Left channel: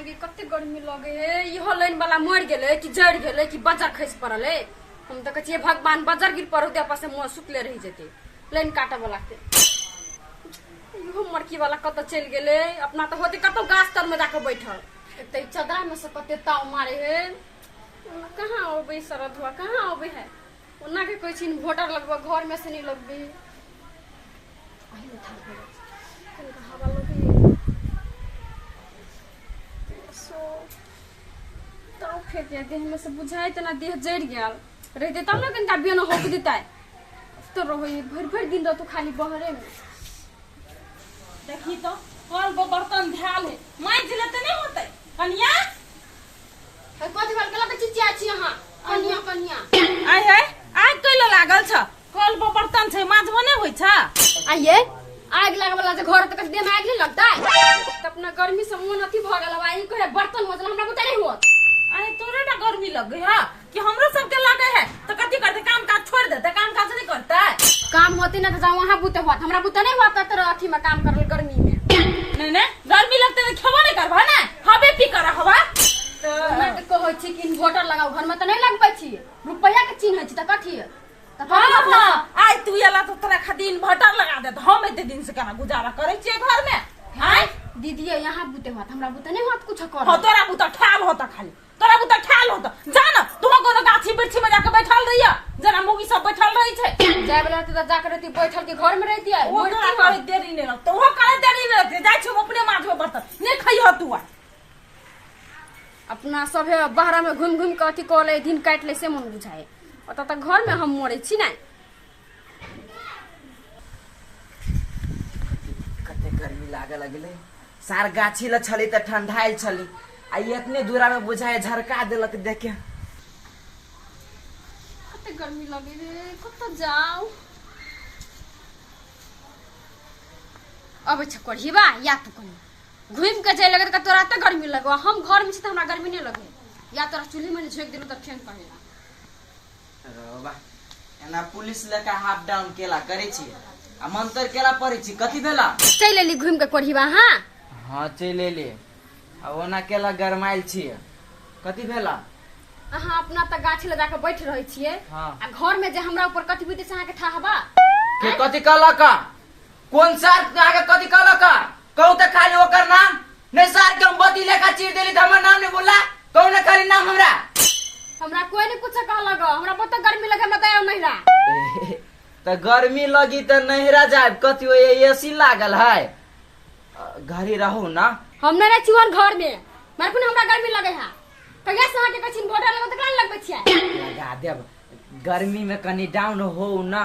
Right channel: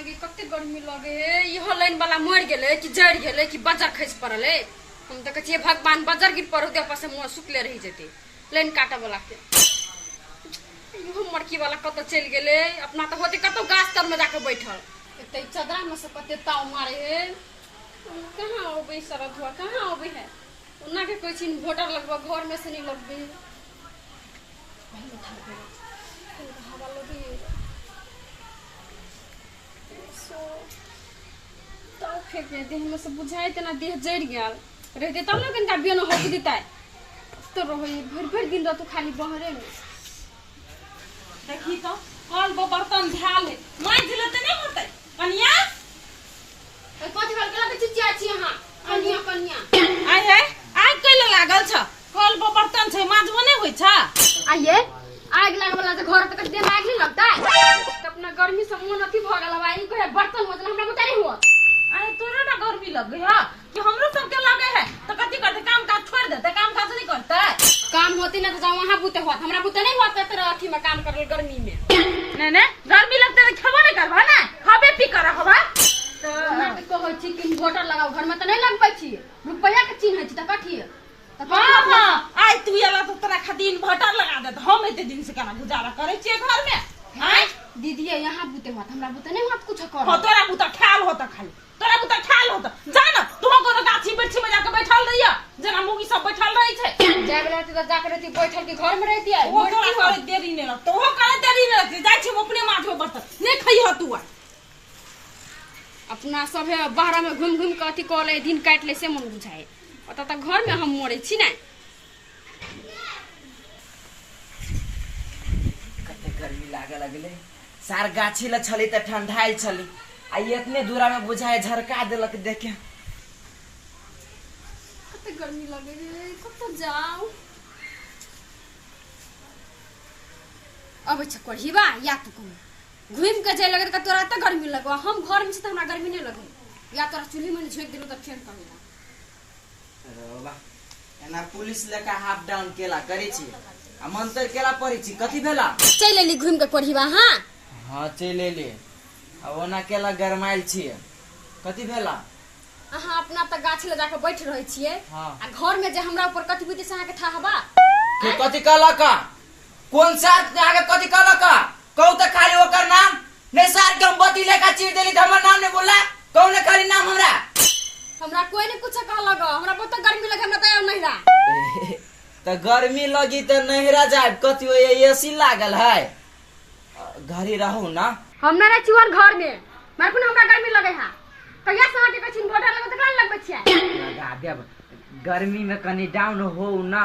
मागे कते गर्मी लगे इहो लाइन वाला मर गेले कि जड़ गेले कि बाजार खस पड़ले। हम तो कहिए भगवान बाजार गिर पड़ो दे पास मोर सुतले रह जेते लाइन काटा वाला के। इहो मरकी वाला कत चल गेले अपना तो होते कतो गाछ तर में जाके बैठल एते चदरा में से कते ताव मारे हे कहां ओबे सरद हुआ कहां ओबे है ओना के कोई छीन वोटर लगबो घर में से नहीं लगबे पहले था इनका हवा लगे सो तो फेंक देह में से बुझाई तना देह जड़ गेल रहते तब ना कनका बियान होक देताय तो रहो भर भर दिन तो खाली बहरे में देखी तो कल वो बर्तन झाल है माई दिले त नहीं होतै कनिया कथि भेल गेला के चिचिया छी अहाँ कनिया कनिया आय है आग कैले लागल छ कल वो बर्तन छै माजबो नहीं होय छ आइए आग लगे वाला से घर तक देह में आग नहीं लगता है तो अपना गर्मी से मुंह नथी भ गेल भाई कोई बर्तन मजल हमरा बुता नहीं होत अरे तोरे ना गर्मी लग गई हां कि हमरो सब के लागे है तो कथि करते काम काज छोड़ देते काम काज नहीं करता काम होती ना तो जाओ वहां बुते होत हमरा बुता नहीं होत तो अथी में काम करल गर्मी में नहीं नहीं गर्मी लगते तो खेबो नहीं करबा ना हबे पी कर हवा तो मैं तो कहै छी कि इन्वर्टर लगाओ घर में तो नहीं लगबै छी रुपया के चिन्ह छै त कथि त हां हां आइ तू एला तो तोरा खातिर इन्वर्टर लगा दे हम एते दिन से केना गुजारा करे छी घर में हां दीदी यहाँ बुते होत हमरा बुते नहीं होत कुछ कर हो तोरा बुता ठाल होता खाली तोरा बुता ठाल होता जान तू कोनो गाछी बिरछी में जाके बैठल रहिया जना मुगी सब बैठल रही छै जाय वाला तो जाके रहती बैठल के घर में रहती है वो तोरा करे देरी नहीं तो वो करे देरी नहीं जाय छी अपने माथो बर्तन नहीं खइहो तू अपना सब है बाहर में घूम घूम के अथी कर ले दिन काट ले से मन बुझाए ओता तक घर में हम मरे छी ना कते गर्मी लागे लगले सार गाछी ल छली त ठंडाइल छली आ इतने दूरा में बुझाए झरका देलक देखे कते गर्मी लगे रे कत जाओ अब छकड़ीबा या तो कनी घूम के जाय लगे त तोरा त गर्मी लगो हम घर में छी त हमरा गर्मी नहीं लगे या तोरा चूल्ही में झोक देलो त फेन कहेला अरे बा एना पुलिस लेका हाफ डाउन केला करे छी आ मंतर केला पड़ी छी कथि भेला चल लेली घूम के कोढ़ीबा हां हां चले ले आ ओना केला गरमाइल छी कथि भेला अहाँ अपना त गाछ लगा के बैठ रहै छियै हां आ घर में जे हमरा ऊपर कथि बीते से अहाँ के था हवा के कथि कहला का कौन सार आगे कथि कहला का कहू त खाली ओकर नाम नहीं सार के हम बती लेका चीर देली त हमर नाम नहीं बोला कहू न खाली नाम हमरा कोई नहीं कुछ कह लगा हमरा बहुत गर्मी लगे हमरा त नहीं रहा त गर्मी लगी त नहिरा जाए कथि हो एसी लागल है घरे रहू ना हम ना चुहर घर में मार कोन हमरा गर्मी लगे है कहिया से के कछिन घोटा लगे त कान लगबै छियै लगा देब गर्मी में कनी डाउन हो ना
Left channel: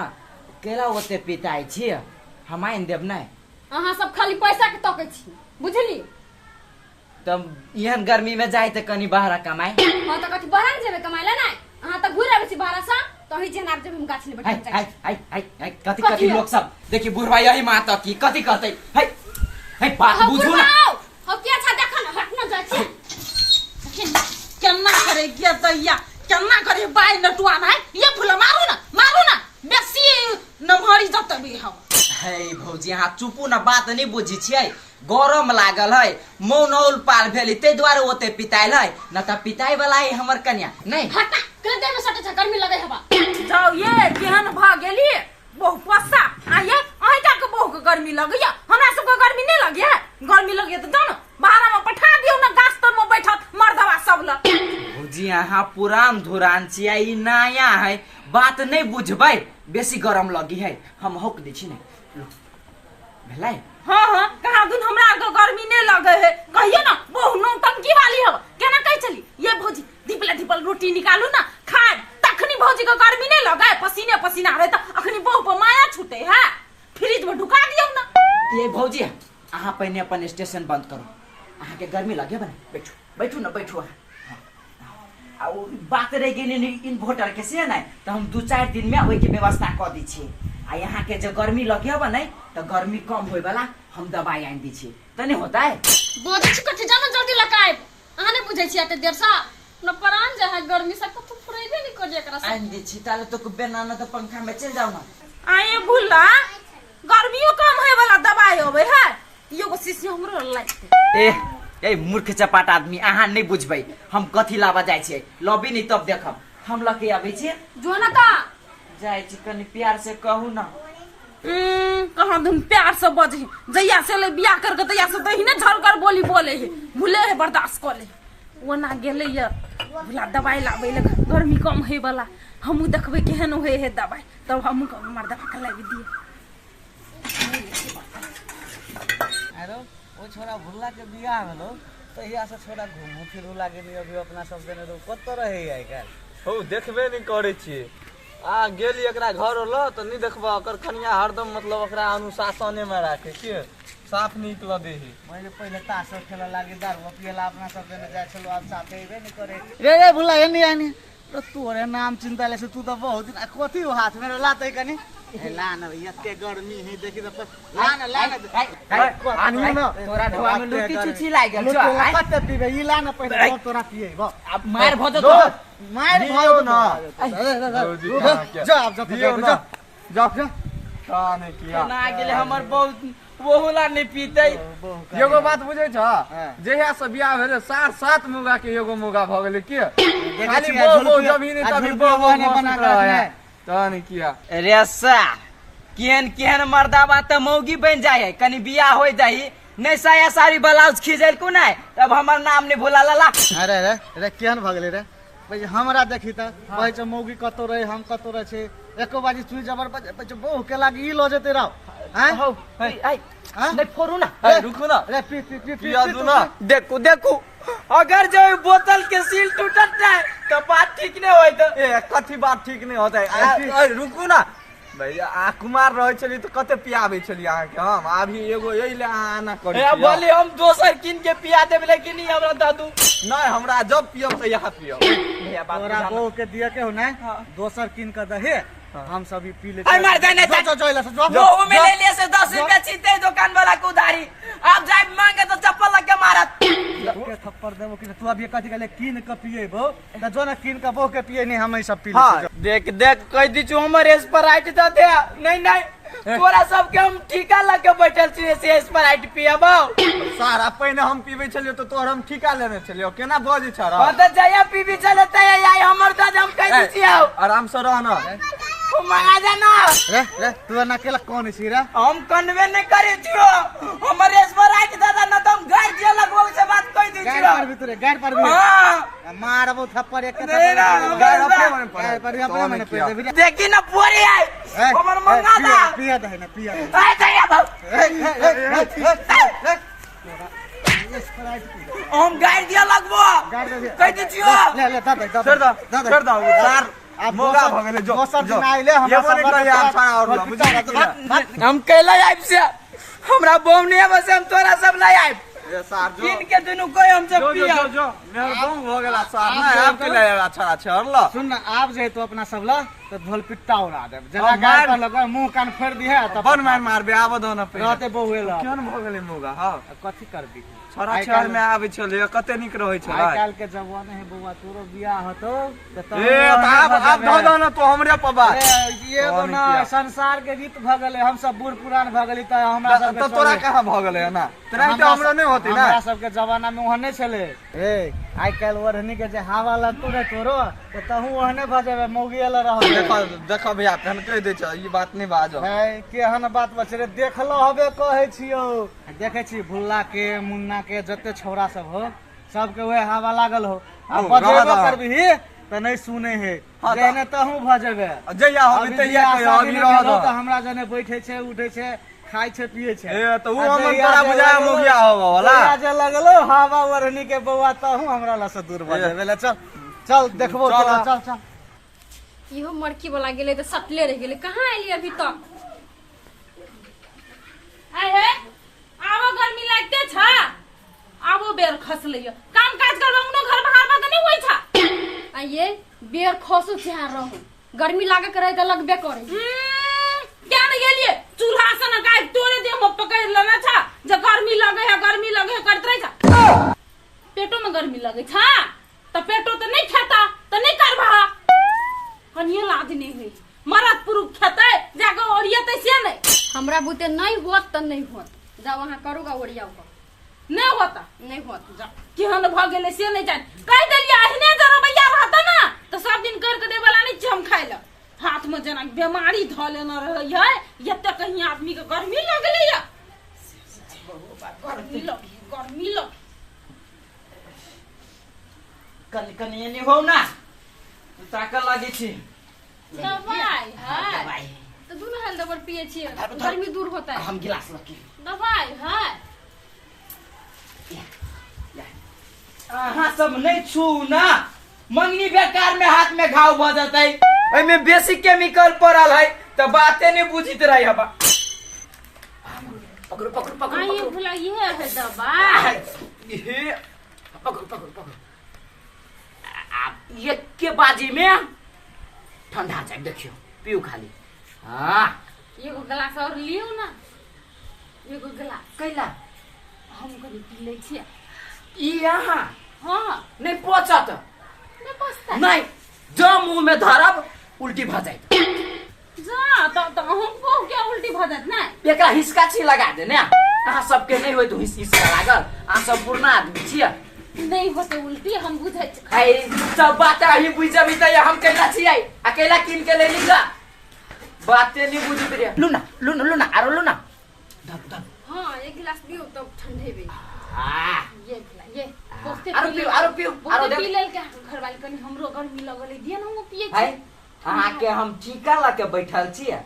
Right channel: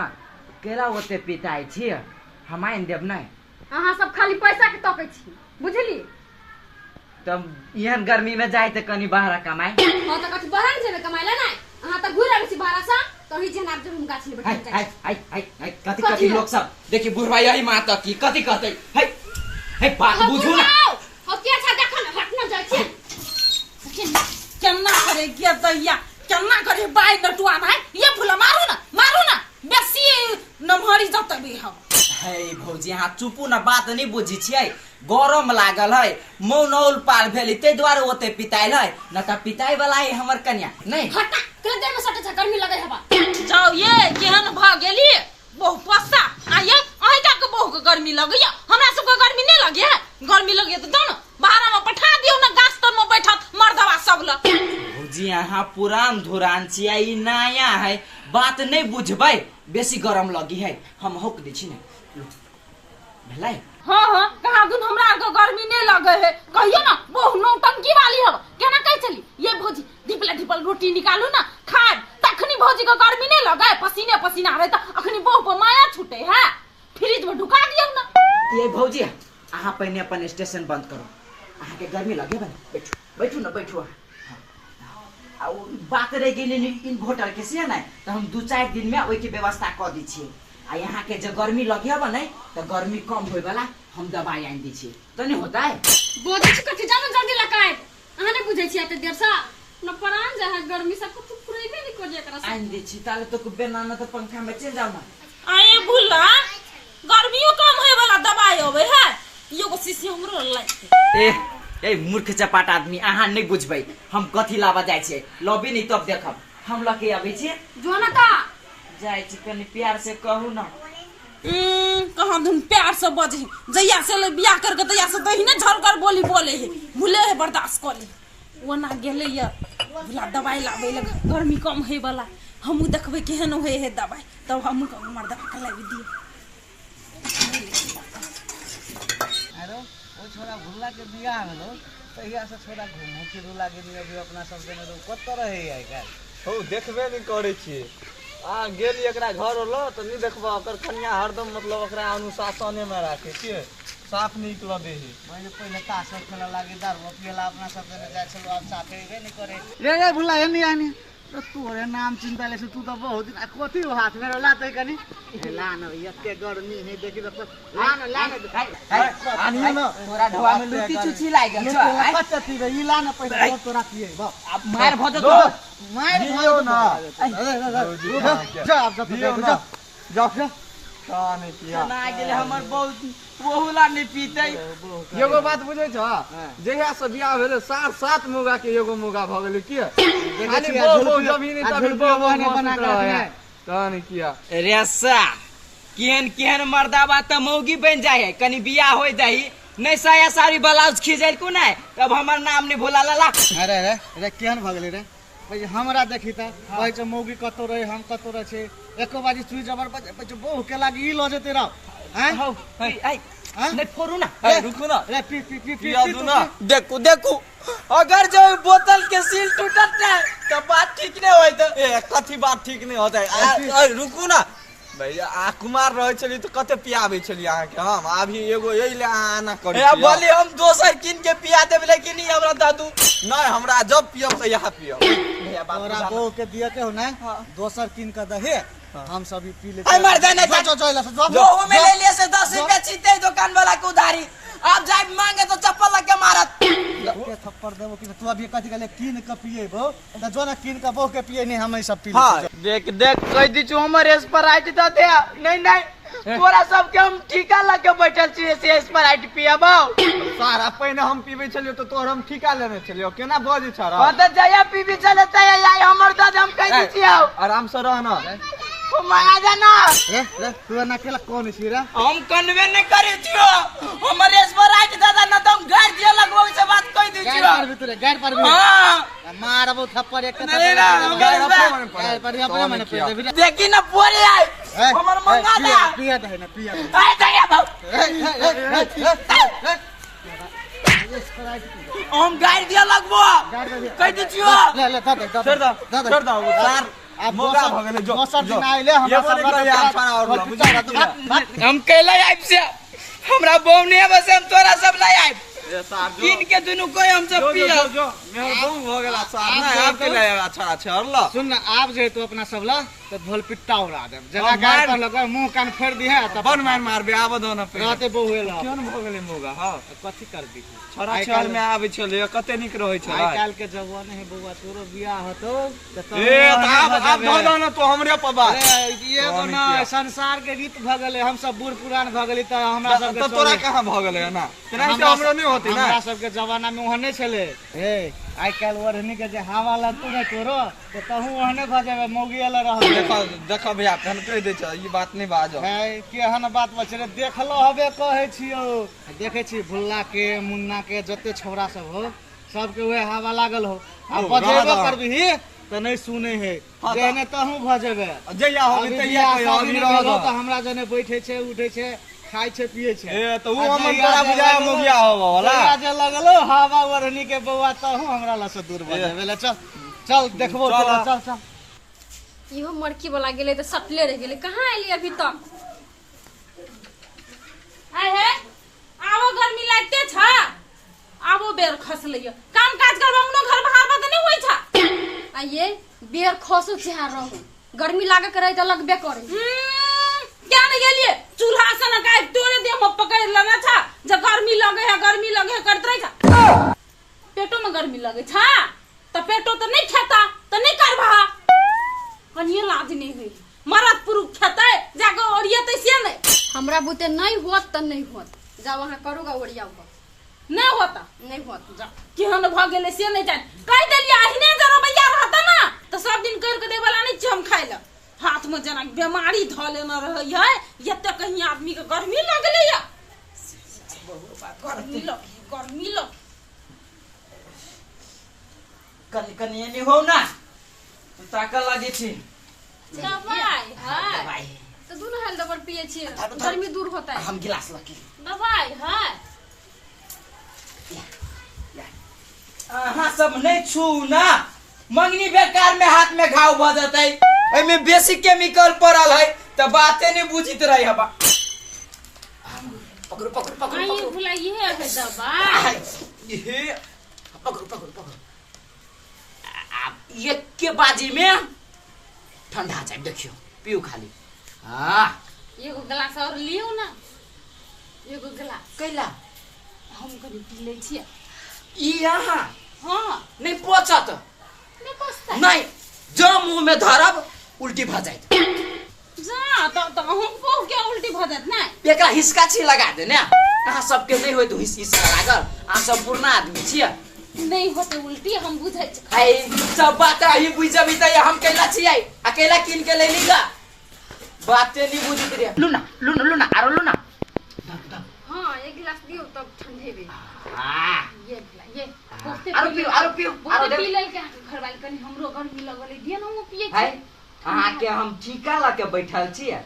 केला ओते पिताई छी हम आइन देब नहीं अहाँ सब खाली पैसा के तकै छी बुझली तब एहन गर्मी में जाए त कनी बाहर कमाए हां त कथि बाहर जेबे कमाइला नहीं अहाँ त घुर आबै छी बाहर से तो ही जनाब जब हम गाछ ले बैठ जाए हाय कथि कथि लोग सब देखि बुढ़वा यही माता की कथि कहते हाय बात बुझू ना हो के अच्छा देख न हट न जाय छी केना करे के दैया केना करे बाई नटुआ भाई ये फुला मारू ना बेसी नमहरी जत भी हवा है भौजी यहाँ चुपू ना बात नहीं बुझी छियै गरम लागल है मौनौल पार भेली ते द्वारे ओते पिताइल है न त पिताई वाला है हमर कन्या नहीं हटा कल देर में सटे छ गर्मी लगे हवा जाओ ये केहन भ गेली बहु पस्सा आये अहि का के बहु के गर्मी लगैया हमरा सब के गर्मी नहीं लगे गर्मी लगे त दन बाहर में पठा दियो ना गाछ तर में बैठत मर्दवा सब ल भौजी यहाँ पुरान धुरान छियै ई नया है बात नहीं बुझबै बेसी गरम लगी है हम होक दै छी ने भेलै हां कहा गुन हमरा के गर्मी नहीं लगे है कहियो ना बहु नौटंकी वाली हवा केना कह चली ये भौजी ढिपल रोटी निकालू ना खाए तखनी भौजी के गर्मी नहीं लगे पसीना रहे त अखनी बहु पर माया छूटे है फ्रिज में ढुका दियो ना ये भौजी अहाँ पहले अपन स्टेशन बंद करो अहाँ के गर्मी लगे बने बैठू ना बैठू आ बात रह गेली इन्वर्टर के से नहीं तो हम 2-4 दिन में ओई के व्यवस्था क दी छी आ यहाँ के जो गर्मी लगे हो नहीं तो गर्मी कम होय वाला हम दवाई आन दी छी तो नहीं होता है बोझ कथि जानो जल्दी लगाए अहाँ नहीं बुझै छी एते देर से न परान जे है गर्मी से कुछ पुरेबे नहीं कर एकरा से आन दी छी ताले तो बेना न तो पंखा में चल जाओ ना आए भूला गर्मियों कम होय वाला दवाई होवे है एगो शीशी हमरो लाइते ए ए मूर्ख चपाट आदमी अहाँ नहीं बुझबै हम कथी लाबा जाइ छियै लबी नहीं तब देखब हम लके आबै छियै जो ना ता जाइ छी कनी प्यार से कहू ना कहाँ तुम प्यार से बजे जैया से ले बियाह करके तैया से दही ने झलकर बोली बोले है भूले है बर्दाश्त कर ले वो ना गेले ये भूला दवाई लाबे ले गर्मी कम है वाला हमू देखबे केहन होए है दवाई तब हमू हमर दवा के लाबे दिए अरे वो छोरा भुल्ला के बियाह में लो तहिया से छोरा घूमू फिरू लागे नहीं अभी अपना सब देने तो कत रहे है का हो देखबे नहीं करे छियै आ गेली एकरा घर ल त नहीं देखबा ओकर कन्या हरदम मतलब ओकरा अनुशासने में राखे के साफ निकल दे है मैले पहिले तास खेला लागे दारू पियला अपना सब देने जाय छलो अब साथे हेबे नहीं करे रे भुल्ला एनी आनी तो तोरे नाम चिंता ले से तू तो बहुत दिन कथी हाथ में लाते कनी ला न भैया के गर्मी है देखि तो ला न आनियो न तोरा ढोआ में लुटी चुची लाग गेल छ कत पीबे ई ला न पहिले तोरा पिए अब मार भजो तो मार दियो न जा अब दियो न जा का नहीं किया ना गेले हमर बहुत बहुला नहीं पीते एगो बात बुझे छ जहिया से बियाह भेले 7 मुगा के एगो मुगा भ गेले की खाली बहु जमीन तभी बहु बना रहा त नहीं किया रेसा केहन केहन मर्दाबा त मौगी बन जाय है कनी बियाह होय जाई नहीं साया साड़ी ब्लाउज खींचल को नहीं तब हमर नाम नहीं भुला ला अरे रे रे केहन भगले रे भाई हमरा देखी त कहै छ मौगी कतो रहे हम कतो रहे छे एको बाजी चुई जबर बज बहु के लागी ई ल जेते रह हैं हो आई नहीं फोरू ना रुकू ना रे पी पी पी पिया दू ना देखो देखो अगर जो बोतल के सील टूटत है तो बात ठीक नहीं होय तो ए कथी बात ठीक नहीं होता है रुकू ना भैया आ कुमार रहे चली तो कते पियाबे चली अहाँ के हम अभी एगो यही ले आना करे ए बोली हम दोसर किन के पिया देब लेकिन नहीं हमरा दादू नहीं हमरा जब पियब तो यहाँ पियब भैया बात तोरा बहु के दिया के हो ना दोसर किन का दहे हम सभी पी ले आई मार जाने वो में ले लिए से 10 रुपया छीनते दुकान वाला को उधारी आप जाए मांगे तो चप्पल लग के मारत के थप्पड़ देबो कि तू अभी कथि कहले किन के पिए बो त जो ना किन के बहु के पिए नहीं हम सब पी ले देख देख कह दी छु हमर स्प्राइट तो दे नहीं नहीं तोरा सब के हम ठीका लग के बैठल छी से स्प्राइट पियाबो सारा पहिने हम पीबे छलियो तो तोहर हम ठीका लेने छलियो केना बजे छरा त जया पीबी चलते आई हमर दाद हम कह दी छियो आराम से रह ना माया जाना रे तू ना केला कौन छी रे हम कन्वे नहीं करे छियो हमर स्प्राइट दादा न तुम घर जे लगबो से बात कह दी गाड़ छियो पर भी तोरे गाड़ पर भी हां मारबो थप्पड़ एक नहीं, नहीं, गाड़ नहीं, अपने गाड़ पर भी अपने मने पे दे देखी ना पूरी आई हमर मंगा दा पिया दे ना पिया ए दया बाबू हम गाड़ दिया लगबो गाड़ दे कह दी छियो ले ले दे छोड़ दो छोड़ दो सार मोगा भ गेले जो दोसर दिन आइले हमरा सब हम कैला आइब से हमरा बहू नहीं बस हम तोरा सब लाई आइब किन के दुनु कोई हमसे जो पिए जो जो मेरे बम भ गेला सार ना आपके लिए अच्छा अच्छा हरला सुन ना आप जे तो अपना सब ला तो ढोल पिट्टा उड़ा दे जगह गाड़ पर लगा मुंह कान फोड़ दी है तब बन मार मारबे आब दो ना पे रहते बहुएला केन भ गेले मोगा हां कथि कर दी छोरा चाल में आबे छले कते निक रहै छला आई काल के जवान है बउआ तोरो बियाह हतो ए अब धो दो ना तो हमरे पबा ये तो ना संसार के रीत भ गेले हम सब बूढ़ पुरान भ गेली त हमरा सब तो तोरा कहां भ गेले ना तेरा से हमरा नहीं होती ना हमरा सब के जमाना में ओहने छले ए आई काल ओढ़नी के जे हवा लगतो रे तोरो तो तहू ओहने भ जाबे मौगी वाला रह देखो देखो भैया तहन कह दे छ ई बात नहीं बाजो है केहन बात बचरे देखलो हबे कहै छियो देखे छी भुल्ला के मुन्ना के जते छौरा सब हो सबके वह हवा लागल हो अब बजेबे करबी त नहीं सुने है जेने तहू भ जाबे जइया होबे तइया कहियो अभी रह दो त हमरा जने बैठे छे उठे छे खाइ छे पिए छे ए तो वो हमन तोरा बुझाया मुखिया होबो वाला जे लगलो हवा वरनी के बउआ तहू हमरा ला से दूर भ जाबे ले चल चल देखबो चल चल इहो मड़की वाला गेले तो सटले रह गेले कहाँ आइली अभी तक आए है आवो गर्मी लागते छ आवो बेर खस लियो काम काज करबंगनो घर बाहर बात नहीं होई छ आइए बेर खसो चाह रहू गर्मी लागे करे त लगबे करे क्या नहीं गेलिए चूल्हा से ना गाय तोरे दे हम पकड़ लेना था जब गर्मी लगे है करत रही था पेटो में गर्मी लगे था तो पेटो तो नहीं खाता तो नहीं करबा कनिए लाज नहीं हुई मरद पुरुष खेते जाके ओरियते से नहीं हमरा बुते नहीं होत त नहीं होत जा वहां करूगा ओरियाऊगा नहीं होता नहीं होत जा केहन भ गेले से नहीं जान कह देलिए अहिने जरा भैया रहता ना तो सब दिन कर के दे वाला नहीं छी हम खाइ ल हाथ में जना बीमारी ध लेना रहे है एते कहीं आदमी के गर्मी लगले या गर्मी लग कनिया नहीं हो ना तो ताका लगे छी दवाई है दवाई तो दोनों हेल्थ दवाई पिए छिए अब धर- गर्मी दूर होता है हम गिलास लगे दवाई है अहाँ सब नहीं छू ना मंगनी बेकार में हाथ में घाव भ जाता है में बेसी केमिकल पड़ल है तो बातें नहीं बुझित रही हबा पकड़ो पकड़ो पकड़ो आई पकड़ो भुला ये है दवाई ये पकड़ो पकड़ो पकड़ो आप एक के बाजी में ठंडा जाए देखियो पियो खाली हाँ एगो गिलास और लियो ना एगो गिलास कैला हम कभी पी ले छिए ई यहाँ हां नहीं पचत मैं पछता नहीं जो मुंह में धरब उल्टी भ जाइत जा तो हम को क्या उल्टी भ जात ना एकरा हिसका छी लगा दे ने अहाँ सबके नहीं होय तो हिसका लागल अहाँ सब पुरना आदमी छियै नहीं होते उल्टी हम बुझै छी है सब बात ही बुझबी त हम कैला छियै अकेला किन के ले लीगा बातें नहीं बुझित रे लुना लुना लुना आरो लुना धर धर हां एक गिलास दियो तब ठंडे भी हां ये भला ये बहुते आरो पियो आरो बहुते दे पी लेल के घर वाली कनी हमरो गर्मी लगले दिए ना हम पिए है छी अहाँ के हम ठीका ला के बैठल छियै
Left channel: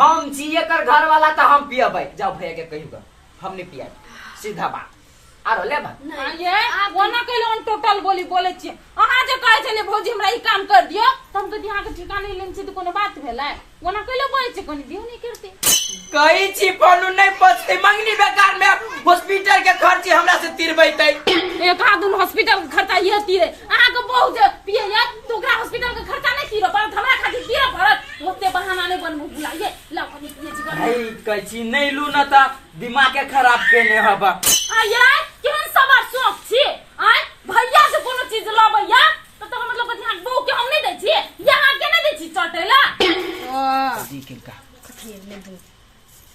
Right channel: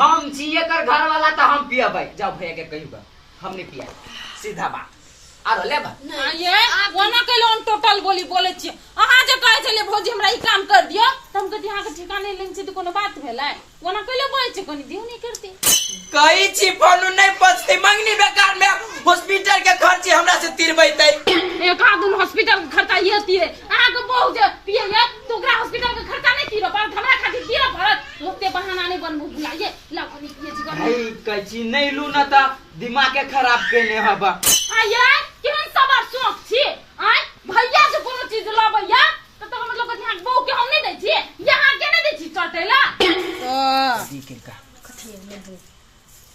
हम छियै कर घर वाला त हम पियबै जाओ भैया के कहियो हम नहीं पियाई सीधा बात आरो लेबा ये ओना कैलो on टोटल बोले छी अहाँ जे कहै छले भौजी हमरा ई काम कर दियो त हम कहती अहाँ के ठिकाने लेन छी त कोनो बात भेलै ओना कैलो बोलै छी कोनी दियो नहीं करते कही छी फोन नहीं पचते मंगनी बेकार में हॉस्पिटल के खर्च हमरा से तिरबैतै एक आदमी हॉस्पिटल के खर्चा ये तीरे अहाँ के बहु जे पिए या तो ओकरा हॉस्पिटल के खर्चा नहीं तीरो पर हमरा खातिर तीरो पड़त ओते बहाना नहीं बनबू बुलाइए लाओ कनी पिए छी कर भाई कची नहीं लू न त दिमाग के खराब केने हबा आये केहन सवार शौक छी आय भैया से कोनो चीज लबैया तो मतलब कि हां बहु के हम नहीं दै छी यहां के नहीं दै छी चटेला दी के का कथी ले दो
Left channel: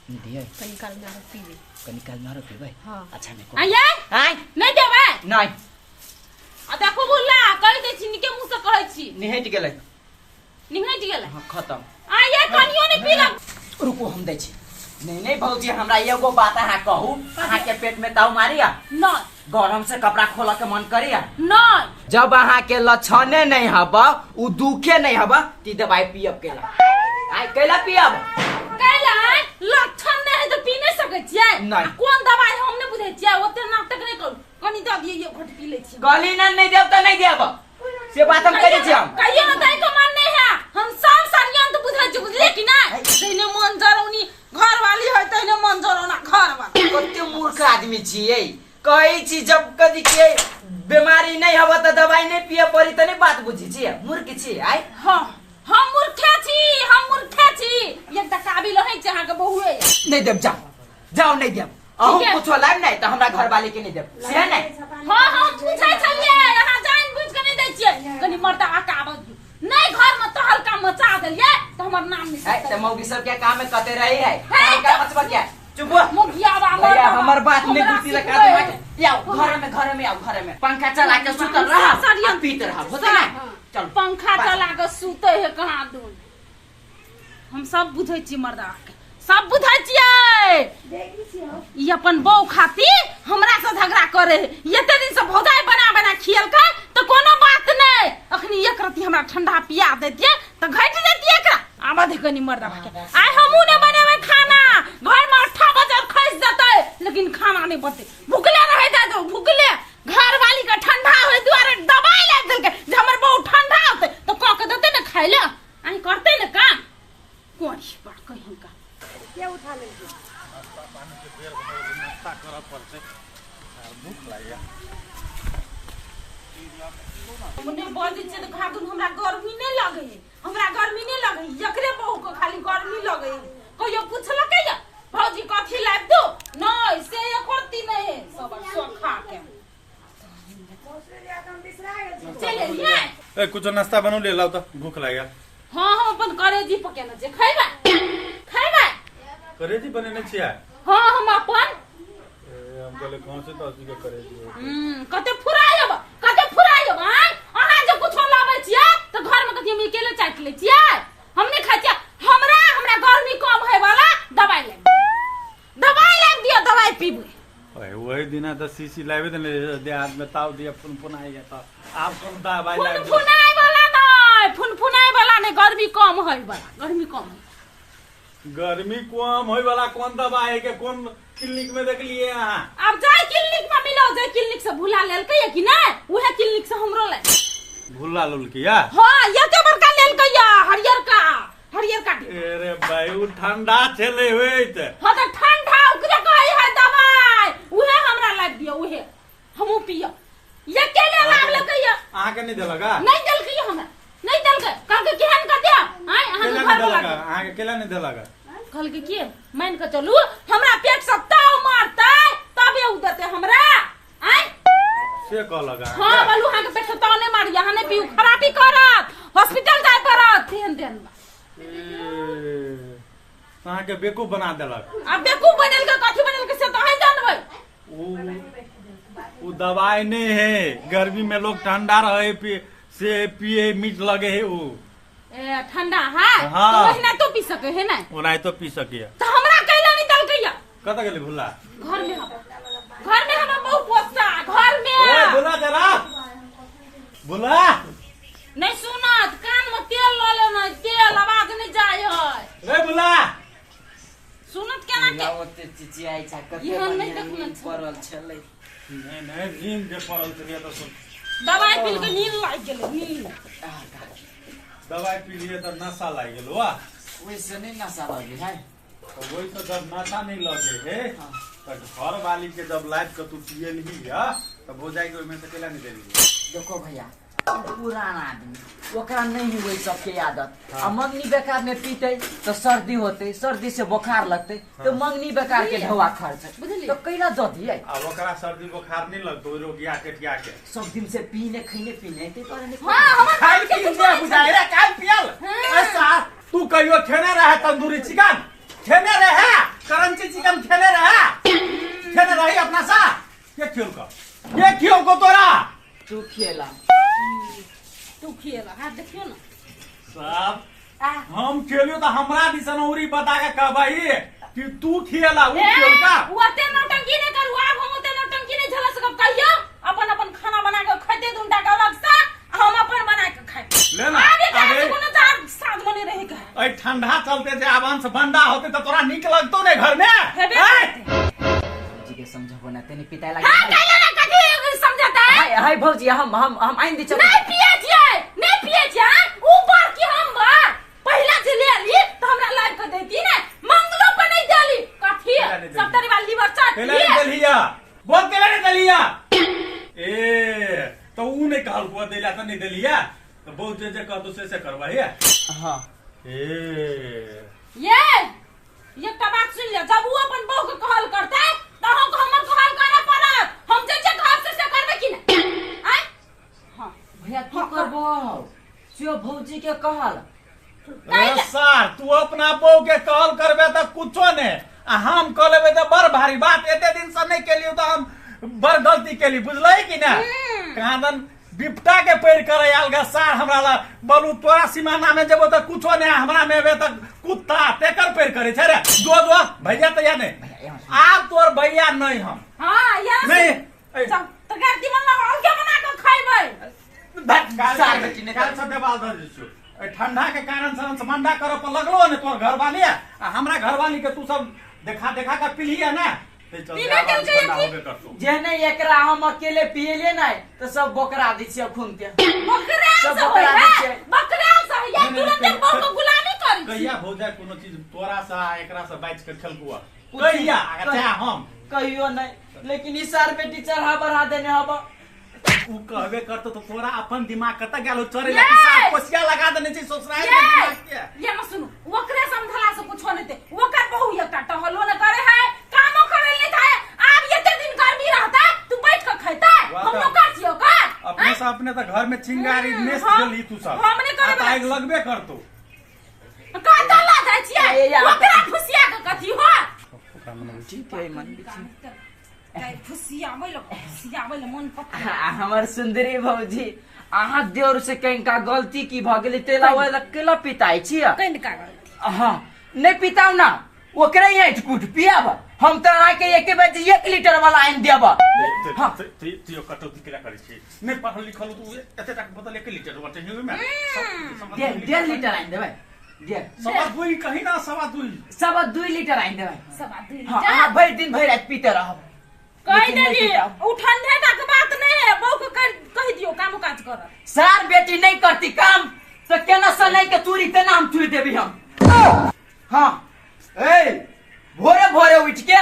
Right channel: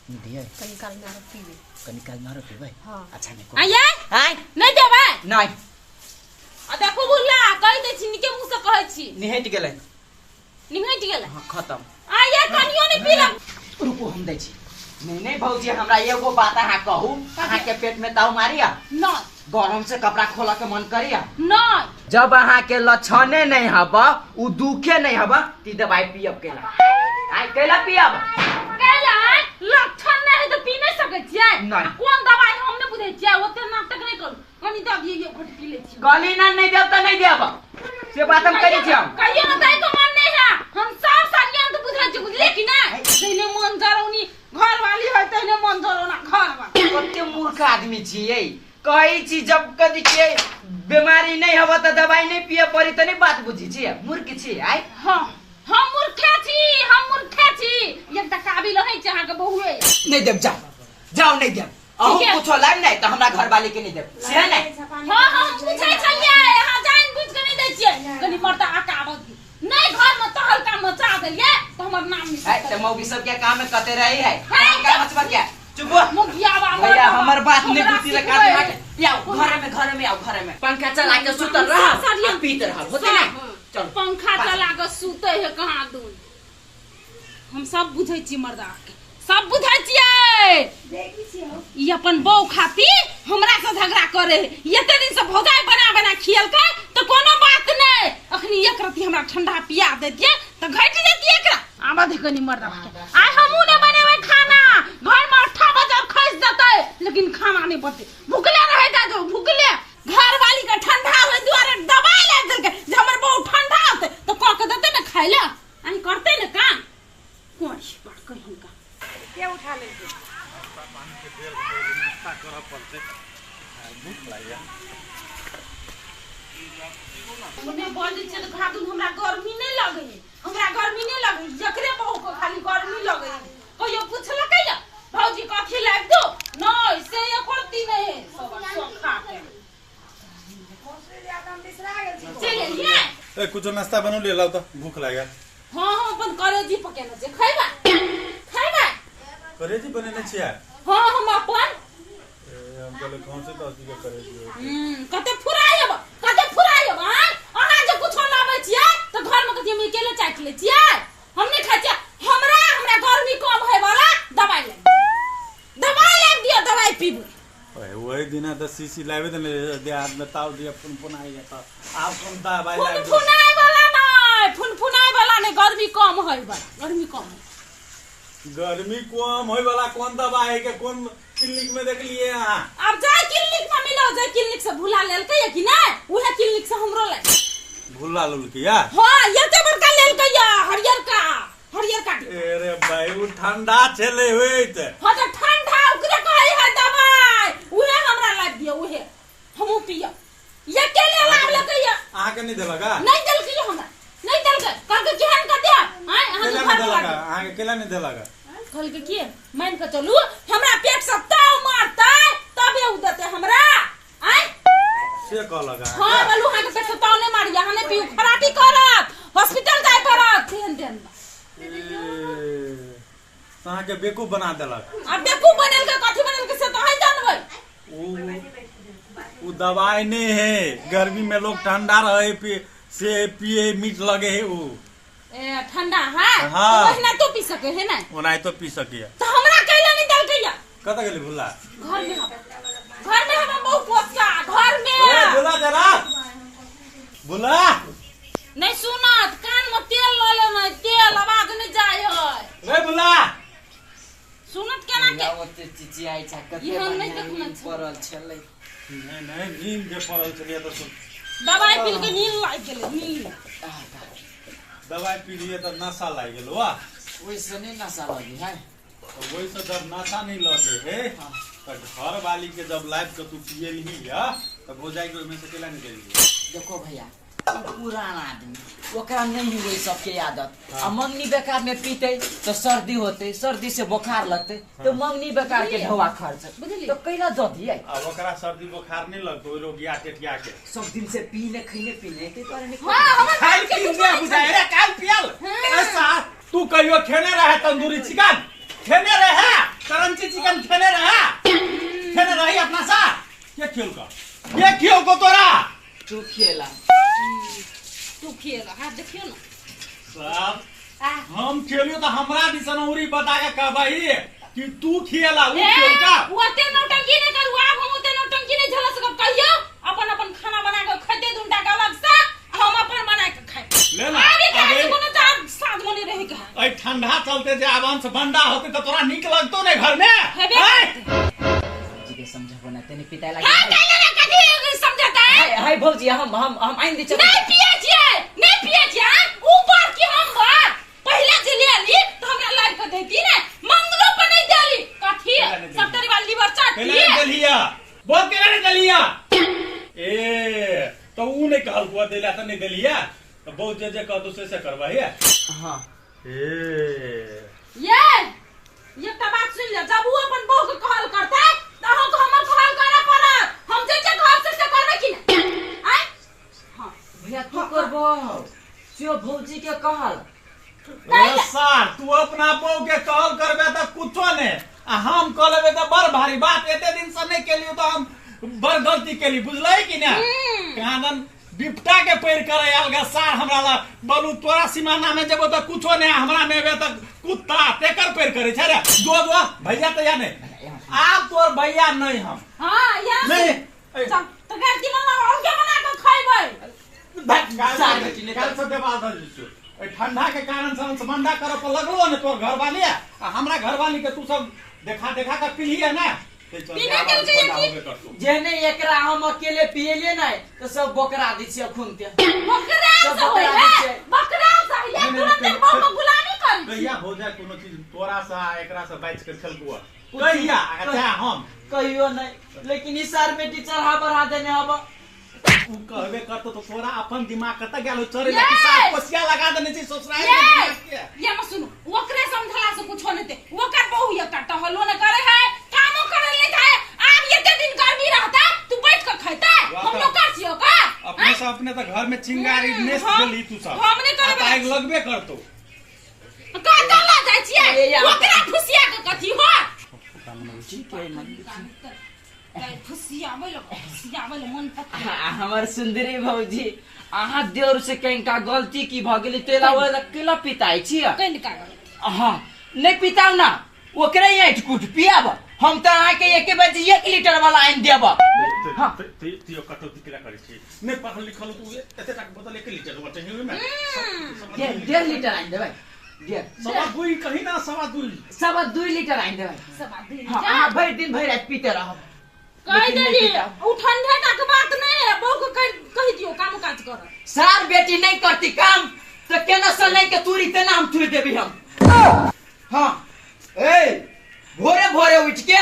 नहीं दिए कनी काल मारो पी ले कनी काल मारो फिर हाँ। अच्छा नहीं को आये हाय नहीं देबे नहीं आ देखो बुल्ला कहि दै छी निके मुंह से कहै छी निहट गेलै निहट गेल हां खत्म आये कनियो नहीं पीला रुको हम दै छी नहीं नहीं भौजी हमरा एगो बात अहाँ कहू अहाँ के पेट में ताव मारिया नहीं गरम से कपड़ा खोला के मन करिया नहीं जब अहाँ के लक्षणे नहीं हबा उ दुखे नहीं हबा ती दवाई पियब केला आइ केला पियब कैला लक्षण नहीं तो पी नहीं सकै छियै नहीं। कोन दवाई हम नहीं बुझै छियै ओते नाटक नहीं करू कनी दऽ दिए ये घोट पी लै छी गली ना नहीं देब तो नहीं देब से बात हम करै छी हम कहियो न दै के मन नहीं है हम सब संज्ञान तो बुझै छी बुझले कि नहीं तैने मन जरौनी घर वाली है तैने मन जरौना घर वाला कते मूर्ख आदमी छियै कहै छी जब कदी के बीमारी नहीं हबा त दवाई नहीं पिए पड़ी त नहीं बात बुझी छी मूर्ख छी आइ हां हम मूर्खे छी एकटा काबिल है छै अहाँ के बहुए नहीं देब जाओ नहीं देब अहू ठीक है। कुछो लाइन नहीं त हमरा घर वाले के नहीं देब से नहीं हां हम पूछै छलिए अहाँ जान बुझ के नहीं दै छियै कनी मर्दा आकाबत नहीं घर में तहल काम मचा देलिए तो हमर नाम है नहीं त मौगी सब के काम में कते रही है है, का मचबा क्या चुप हो मुखियावा भैया हमर बात नहीं हमरा बुझती लगा सिखबै। के आओ घर में आओ घर में पंखा चला के सुतल रह सरियन पीत रह होते ना चलो पंखा चला के सुते है कहाँ दून हम सब बुझै छी मर्दा के सब बुझै छियै ई अपन बहू खातिर हमरा से झगड़ा करे है एते दिन से भौजाई बना खियलकै तो कोनो बात नहीं अखनी एक रति हमरा ठंडा पिया देतिए तो घट जेतिए एकरा आबा देखनी मर्दा के आइ हमहू ने बनेबै खाना घर में 8 बजे खैस देतै लेकिन खाना नहीं बनते भूखले रह जाजो भूखले घर वाली का ठंडा होय दुआरे दवाई लाग देलकै जे हमर बहू ठंडा होतै तो क के देतै ना खाइ ले आई करतै ना काम कोन बात कहि हुनका के उठा ले नाश्ता करऽ पड़तै भूख लागल मने बजे छै त खातुन हमरा गर्मी नहीं लगे हमरा गर्मी नहीं लगे एकरे बहू को खाली गर्मी लगे कहियो पूछलकै या भौजी कथी लाग दो नहीं से ये करती नहीं सब खा के चले लिए ए कुछ नाश्ता बनौ ले लाओ त भूख लागल हां हां अपन करेजी पकेना छै खैबा करेजी बनेने छियै हां हम अपन चले कौन से तो के करे दियो कते फुरायब आय अहाँ जे कुछो लाबै छियै त घर में कथि हम अकेले चाट लै छियै हम नहीं खाइ छियै हमरा गर्मी कम होय वाला दवाई लाइब दियो दवाई पीबू ओए वही दिना तो सीसी लावे दे दे हाथ में ताव दिया फुन आई जाता आप कौन दवाई लावे फुनफुनाई वाला नहीं गर्मी कम होय वाला गर्मी कम होय वाला कौन दवाई है के कौन क्लिनिक में देख लिए हां अब जाय क्लिनिक में मिलो जाय क्लिनिक से भुला लेल के कि नहीं उहे क्लिनिक से हमरो ले भुला लुल किया हां एते बड़का लेल के हरियर का अरे भाई वो ठंडा चले हुए थे हां त ठंडा ओकरे कहै है दवाई उहे हमरा लाग दियो उहे हमहु पियो ये के ले लागल के आहा के नहीं देलगा नहीं देल के हमरा नहीं देल के कह के केहन का दे आय अहाँ के घर में आहा के केला नहीं देलगा कहल के के मान के चलू हमरा पेट सब ताव मारतै तबे उ देते हमरा आय से कहलगा हां बोलू अहाँ के पेट सब ताव नहीं मारी अहाँ नहीं पीऊ खराबी करत हॉस्पिटल जाय पड़त देन अहाँ के बेकूफ बना देलक अब बेकूफ बनल के कथि बनल के से तो है जानबै वो दवाई नहीं है गर्मी में लोग ठंडा रहे से पिए मीठ लगे है वो ए ठंडा है हाँ। तो वही ना तो पी सके है ना वो नहीं तो पी सके तो हमरा कैला नहीं दल गया कत गेली भुला घर में हम बहुत पोसा घर में ए भुला जरा भुला नहीं सुनत कान में तेल ल ले ना तेल आवाज नहीं जाय है रे भुला सुनत केना के ओते चिची आई छ कते ई हम नहीं बढ़िया देखना नींद पड़ल छलै नहीं नींद जे पड़ल छलिए तो सुन दवाई पी के नींद लाग गेलै नींद दवाई पी लिए तो नशा लग गेल वा वैसे नहीं नशा लगे है तो वही से जब नशा नहीं लगे है तो घर वाली के जब लाइफ के तू पिए ही है तो भौजाई के में से केला नहीं देली देखो भैया पुराना आदमी ओकरा नहीं हुई सबके आदत आ मंगनी बेकार में पीते तो सर्दी होते सर्दी से बुखार लगते तो मंगनी बेकार के ढवा खर्च तो कैला दो दिए आ ओकरा सर्दी बुखार नहीं लगतो ओइ लोग या टेटिया के सब दिन से पीने खइने के बारे में हां हम खाई पी के बुझाए रे काल पियल ऐसा तू कहियो खेने रहे तंदूरी चिकन खेने रहे करंची चिकन खेने रही अपना सा ये खेल को तोरा तू खेला तू खेला हां देखियो ना सब हम खेलियो तो हमरा दिसन उरी बता के कहबई कि तू खेला उ खेल का ओते नौटंकी नहीं करू आब हम ओते नौटंकी नहीं झलस के कहियो अपन खाना बना के खइते दुंडा के अलग से हम अपन बना के खाइ ले ना अबे कोनो चार साथ मने रही का ए ठंडा चलते जे आवांश बंदा होते तो तोरा निक लगतो ने घर में जी के समझबो ना तने पिता लगे हां कैला ना कथि समझता है हाय भौजी हम आइन दे चल नहीं पिए छिए ऊपर की हम बार पहला जे ले ली तो हमरा लाग के देती ने मंगलो पर नहीं देली कथि सप्तरी वाली लीवर चाट केला नहीं दलिया बोल केला नहीं दलिया ए तो ऊ नहीं कहल को देला तो नहीं दलिया तो बहुत जे कहतो से करवाही हां ये एकटा बात सुन ले जब वो अपन बहू के कहल करते त हम को हमर कहल करे पड़त हम जे घर से करबे कि ना आय हां भैया तू करबो सियो भौजी के कहल रे सार तू अपना बहू के कहल करबे तो कुछो ने आ हम कह लेबे तो बड़ भारी बात एते दिन से नहीं केलियो तो हम बड़ गलती केली बुझलई कि ना कहादन बिपटा के पैर करे अलगा सार हमरा ला बोलू तोरा सीमाना में जेबो तो कुछो ने हमरा में बे तो कुत्ता तेकर पैर करे छै रे जो भैया तो या नहीं आप तोर भैया नहीं हम हां या नहीं तो गाड़ी में हम के बना के खाइबै सार बेटी ने काल से देवाल धर दिसु ए ठंडा के कारण से हम समंदा करे पर लगलो ने तोर घरवाली आ हमरा घरवाली के तू सब देखा के पिलिए ना ते चल बना होबे करतो जे नहीं एकरा हम अकेले पिएले नहीं तो सब बकरा दी छै खून के बकरा सब से बकरा दी होय छै बकरा से या तुरंत बहू को गुलामी कर कहिया हो जाए कोनो चीज तोरा सा एकरा से बाइच के खेलकुआ कहिया अच्छा हम कहियो नहीं लेकिन ई सार बेटी चढ़ा बढ़ा देने हब उ कहबे करतो तो तोरा अपन दिमाग कत गेलो चरे ला साफ कोसिया लगा देने छी ससुराल में दिमाग के ये मत सुनो ओकरे समझला से कुछ नहीं दे ओकर बहू एकटा टहलो न करे है कामो करे नहीं था अब ये दिन गर्मी रहता तू बैठ के खैता हम लोग कर छियो का अपने से अपने तो घर में चिंगारी नेस गेली तू सब हमने करे आग लगबे करतो का तला जाय छियै ओकरा खुशिया के कथि हो ठीक है मन चाहे फुसियाबै ल मन पक्का हमर सुंदरी भौजी अहाँ देवर से कहीं का गलती की भ गेली तेला ओए केला पिताई छी कहीं का गलती हाँ नहीं पिताऊ ना ओकरे ऐठ कुट पियाब हम तो अहाँ के एक बजे 1 लीटर वाला आइन देब हाँ तियो कटौती केला करै छी नै पढ़ल लिखल तू एते तक बोतल 1 लीटर वाटे हिउ में 1.5 लीटर आइन देबै सवा दुई कहीं ना सवा 2 लीटर आइन देबै सब दिन हाँ अहाँ भरि दिन भरि रात पीते रहब कह लेकिन नहीं देली पिताऊ। उ ठंडे का बात नहीं है बहू को कह दियो काम काज कर सार बेटी नहीं करती काम तो केना से नहीं के तुरी तेना हम तुरी देबी हम हाँ ए भोरे भोरे उठ के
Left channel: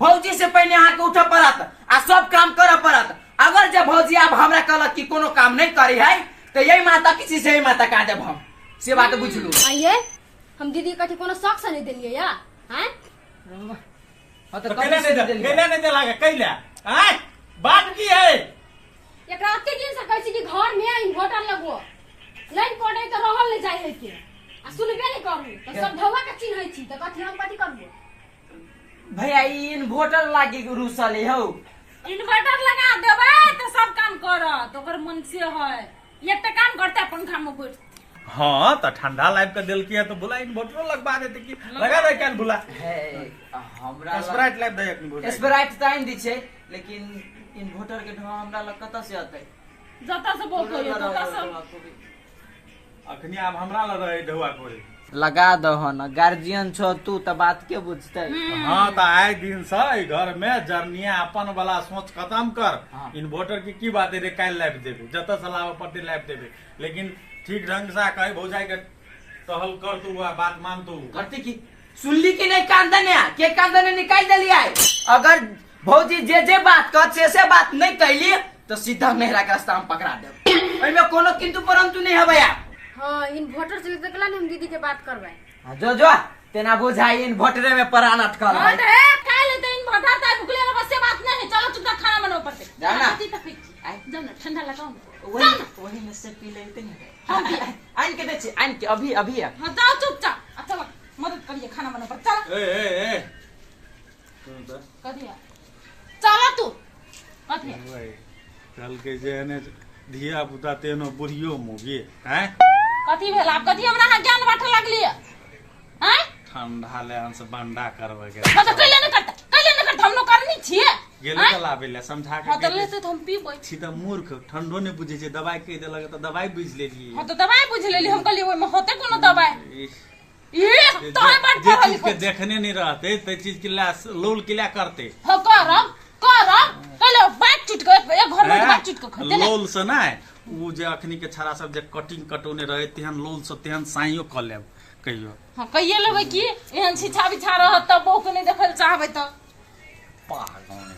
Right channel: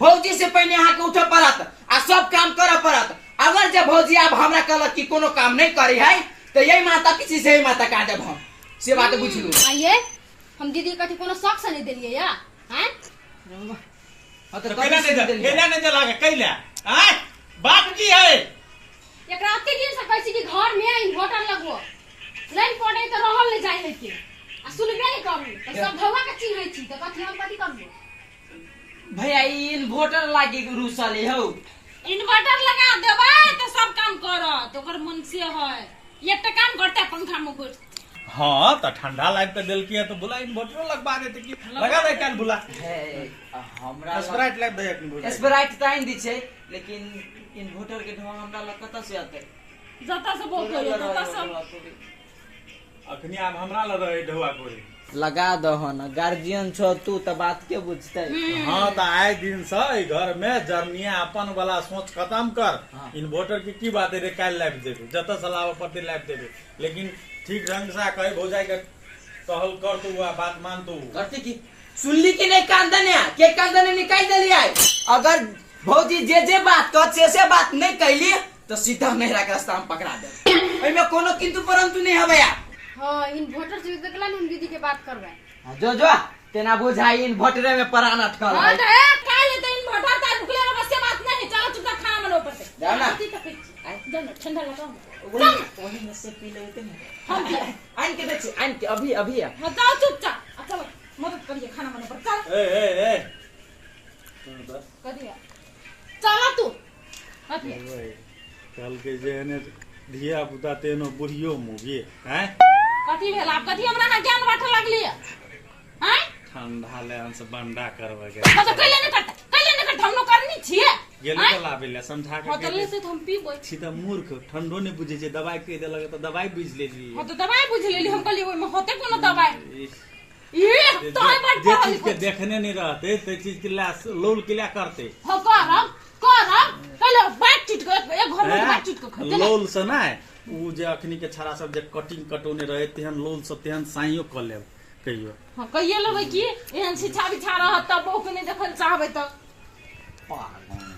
भौजी से पहले अहाँ के उठे पड़त आ सब काम करे पड़त अगर जब भौजी आप हमरा कहलक कि कोनो काम नहीं करी है तो यही माता किसी से यही माता का जब हम से बात बुझ लू आइए हम दीदी कथी कोनो शौक से नहीं दिलिए या हैं हाँ तो कैला कभी से नहीं दिलिए। कैला नहीं जला के कैला हैं बात की है एकरा अते दिन से कहै छी कि घर में इन्वर्टर लगबो लाइन पड़े तो रहल नहीं जाय है के आ सुनबे नहीं करू तो सब धवा के चिन्है छी तो कथी हम कथी करबो भैया ई इन्वर्टर लागी रूसले हो इन्वर्टर लगा देबै तो सब काम करत ओकर मन से है एक काम करते पंखा में बैठ हाँ तो ठंडा लाइफ का दिल किया तो बुला इन्वर्टर लगवा देते कि लगा दे क्या बुला है हमरा स्प्राइट लाइफ दे अपनी बुला स्प्राइट ताइन दी छै लेकिन इन्वर्टर के ढोआ हमरा लग कत से आते जता से बहुत हो जता से अखनी अब हमरा लग रहे ढुआ कोरे लगा दो न गार्जियन छो तू तो बात के बुझते हाँ तो आए दिन से ई घर में जर्निया अपन वाला सोच खत्म कर हाँ। इन्वर्टर की बात है रे काल लाइफ देबे जत सलाह पट्टी लाइफ देबे लेकिन ठीक ढंग से कहे भौजाई के टहल कर तू बात मान तू करती की सुनली कि नहीं कांदने के कांदने निकाल देलिए अगर भौजी जे बात कह से बात नहीं कैली तो सीधा मेहरा के रास्ता हम पकड़ा देब एमे कोनो किंतु परंतु नहीं हबया हां इन्वर्टर से देखला हम दीदी के बात करबै जो तेना बुझाई इन्वर्टर में प्राण अटकल हां है तो ए काहे ले तो इन्वर्टर ता भुगले बस से बात नहीं चलो चुपचाप खाना बनाओ पड़ते जाओ ना। जाओ ना ठंडा लगाओ वही में से पी लेते नहीं हम भी आइन के बेचे आइन के अभी हां जाओ चुपचाप चलो मदद करिए खाना बनाओ पर चल ए करिए चलो तू कथी कल के जे ने धिया पुता तेनो बुढ़ियो मुगे हैं कथी भेल आप कथी हमरा हां ज्ञान बांटे लगली हैं ठंडा ले से बंडा करवे के तो कैले न करता हम नो करनी छिए गेले तो लाबे ले समझा के हां तो ले से हम पीबै छी त मूर्ख ठंडो ने बुझे छै दवाई कह देलक त दवाई बुझ लेली हां तो दवाई बुझ लेली हम कहली ओइ में होते कोनो दवाई ये जे तो है बात जे पढ़ल चीज के देखने नहीं रहते ते चीज के ला लोल के ला करते हो करब कहले बात चीट के एक घर में बात चीट के खते ना लोल से ना उ जे अखनी के छाड़ा सब जे कटिंग कटोने रहे तेहन लोल से तेहन साइयो क लेब कहियो हां कहिए लेबै की एहन शिक्षा विचार रहत त बहु के नहीं देखल चाहबै त पागल